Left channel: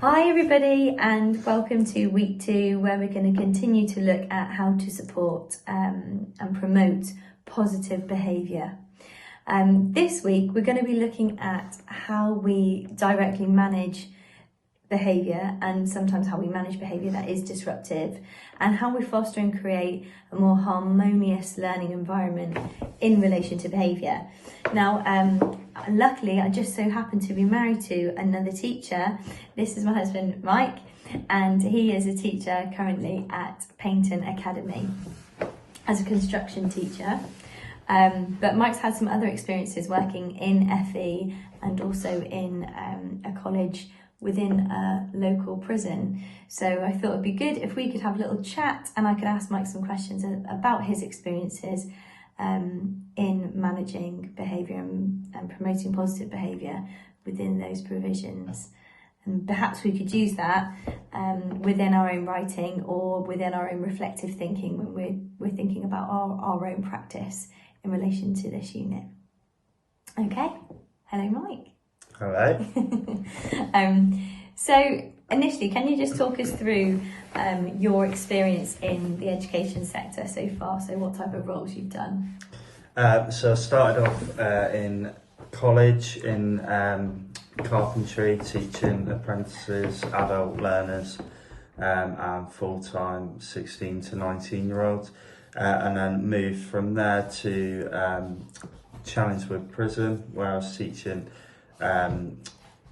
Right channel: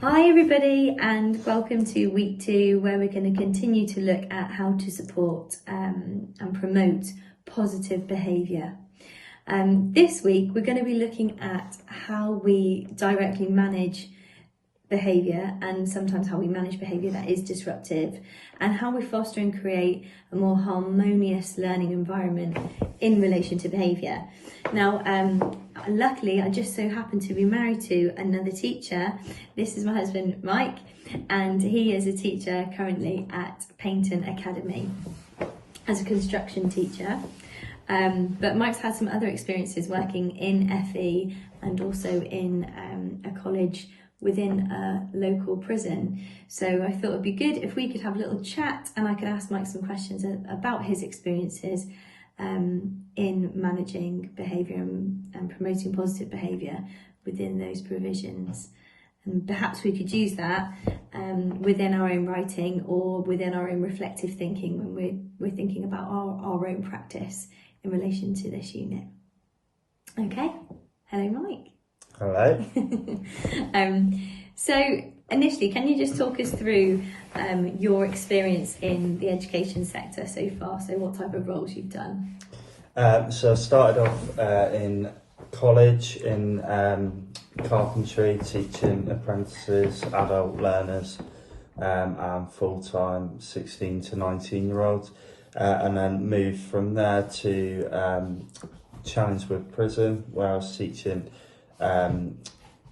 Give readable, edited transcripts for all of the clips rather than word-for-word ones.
Hi everybody, and welcome to week 2, where we're going to continue to look at how to support and promote positive behaviour. This week we're going to be looking at how we directly manage behaviour, and sometimes how we manage behaviour that is disruptive, and how we foster and create a more harmonious learning environment in relation to behaviour. Now, luckily, I just so happen to be married to another teacher. This is my husband, Mike, and he is a teacher currently at Paynton Academy as a construction teacher. But Mike's had some other experiences working in FE and also in a college within a local prison. So I thought it'd be good if we could have a little chat and I could ask Mike some questions about his experiences in managing behaviour and promoting positive behaviour within those provisions. And perhaps we could use that within our own writing or within our own reflective thinking when we're thinking about our own practice in relation to this unit. Okay, hello Mike. Hello. So initially, can you just talk us through your experience in the education sector so far? So what type of roles you've done? So I started off in college in carpentry, teaching apprentices, adult learners, and full-time 16 to 19-year-olds, and then moved from there to Chelmsford Prison, where I was teaching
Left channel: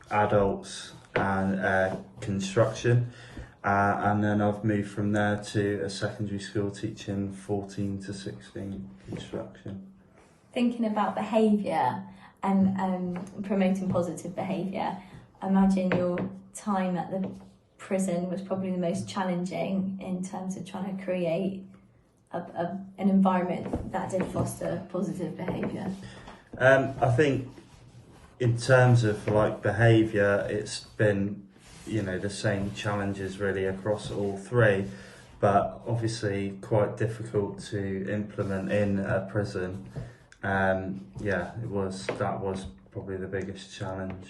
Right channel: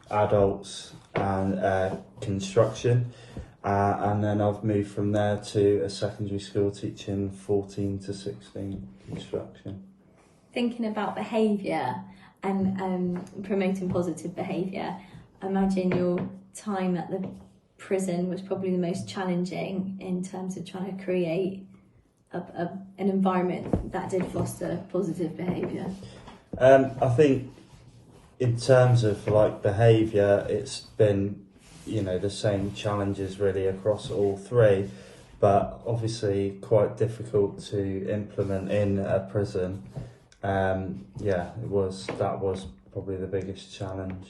adults and construction, and then I've moved from there to a secondary school teaching 14 to 16 construction. Thinking about behaviour and promoting positive behaviour, I imagine your time at the prison was probably the most challenging in terms of trying to create an environment that did foster positive behaviour. I think in terms of like behaviour, it's been, the same challenges really across all three, but obviously quite difficult to implement in a prison. That was probably the biggest challenge.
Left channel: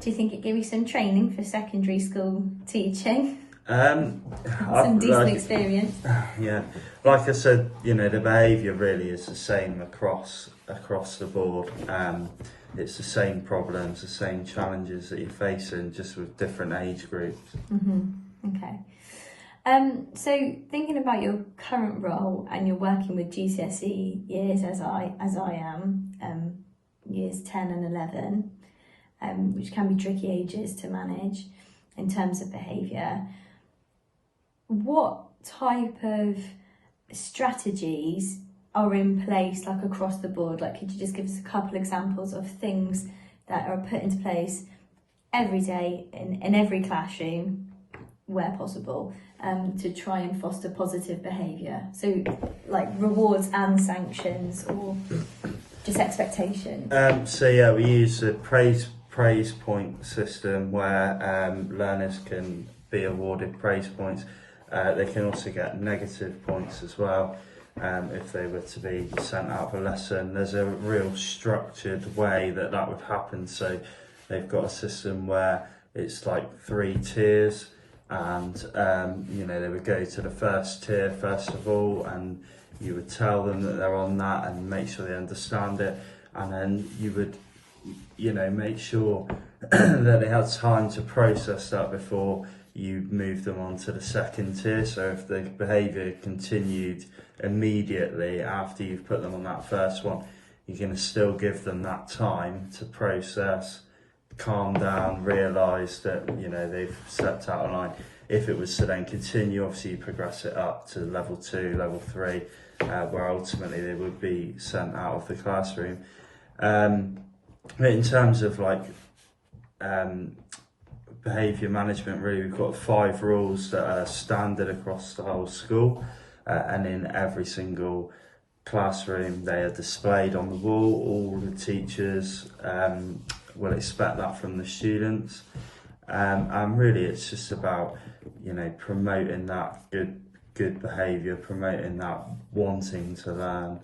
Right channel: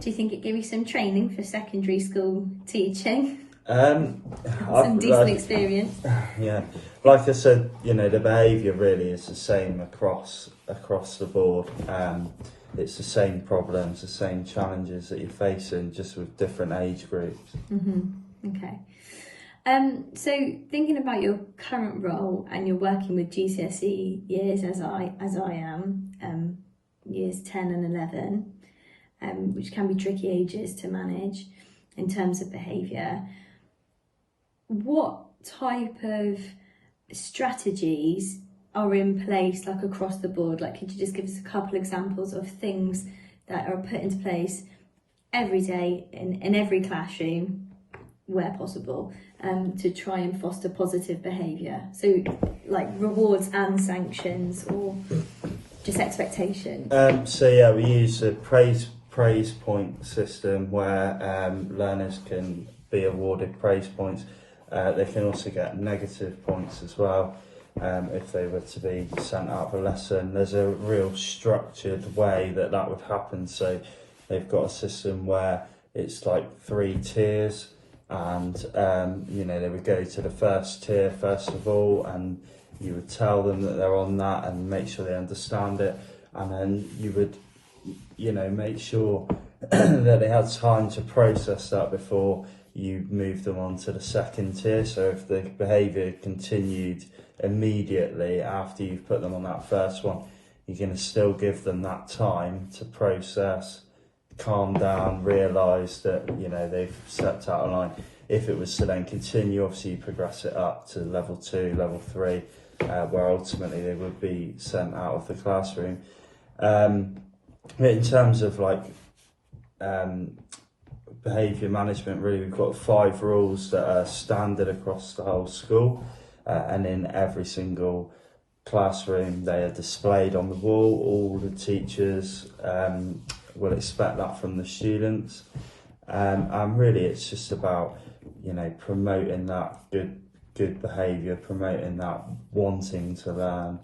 Do you think it gave you some training for secondary school teaching? Some decent experience. Yeah, like I said, the behaviour really is the same across the board. It's the same problems, the same challenges that you're facing, just with different age groups. Okay. So thinking about your current role, and you're working with GCSE years as I am, years 10 and 11, which can be tricky ages to manage in terms of behaviour. What type of strategies are in place, like across the board? Like, could you just give us a couple examples of things that are put into place every day in every classroom where possible, to try and foster positive behaviour? So like rewards and sanctions, or just expectations? We use a praise point system where learners can be awarded praise points. They can also get negative points as well if they were to be sent out of a lesson. There's a real structured way that would happen. So they've got a system where it's like 3 tiers, and they would go to the first tier first of all, and you would tell them that they're on that and make sure they understand it, and then you would make sure that they had time to process that before you move them on to the second tier. So if the behaviour continued immediately after you've put them on that first one, you're going to still give them that time to process, calm down, realise that they've stepped out of line. If it was to then continue, obviously you progress it up to level 2, level 3, where ultimately they would be sent out of the classroom. In terms of behaviour management, really, we've got 5 rules that are standard across the whole school, and in every single classroom they are displayed on the wall. All the teachers will expect that from the students, and really it's just about promoting that good behaviour, promoting that wanting to learn.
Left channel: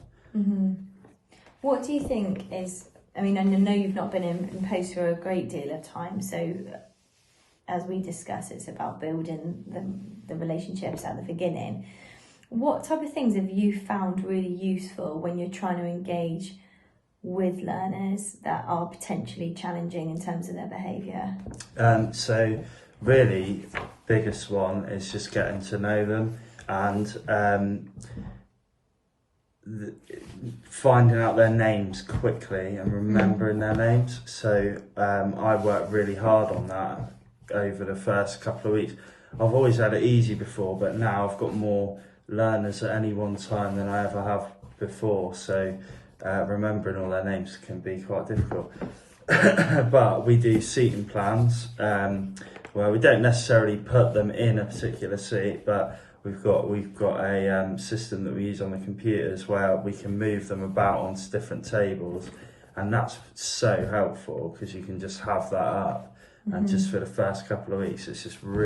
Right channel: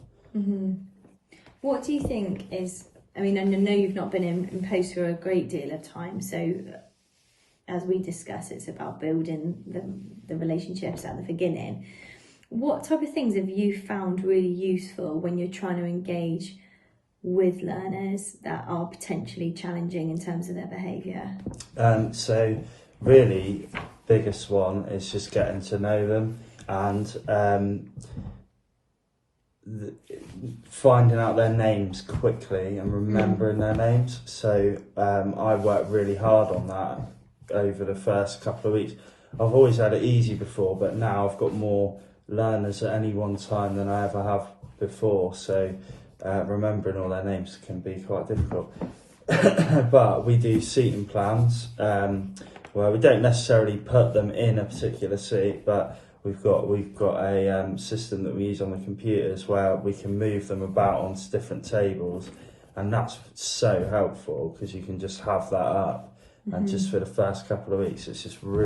What do you think is, I know you've not been in post for a great deal of time, so as we discuss, it's about building the relationships at the beginning. What type of things have you found really useful when you're trying to engage with learners that are potentially challenging in terms of their behaviour? So really, biggest one is just getting to know them and finding out their names quickly and remembering their names. So I worked really hard on that over the first couple of weeks. I've always had it easy before, but now I've got more learners at any one time than I ever have before. So remembering all their names can be quite difficult. But we do seating plans where we don't necessarily put them in a particular seat, but we've got a system that we use on the computers where we can move them about onto different tables, and that's so helpful because you can just have that up. And just for the first couple of weeks, it's just really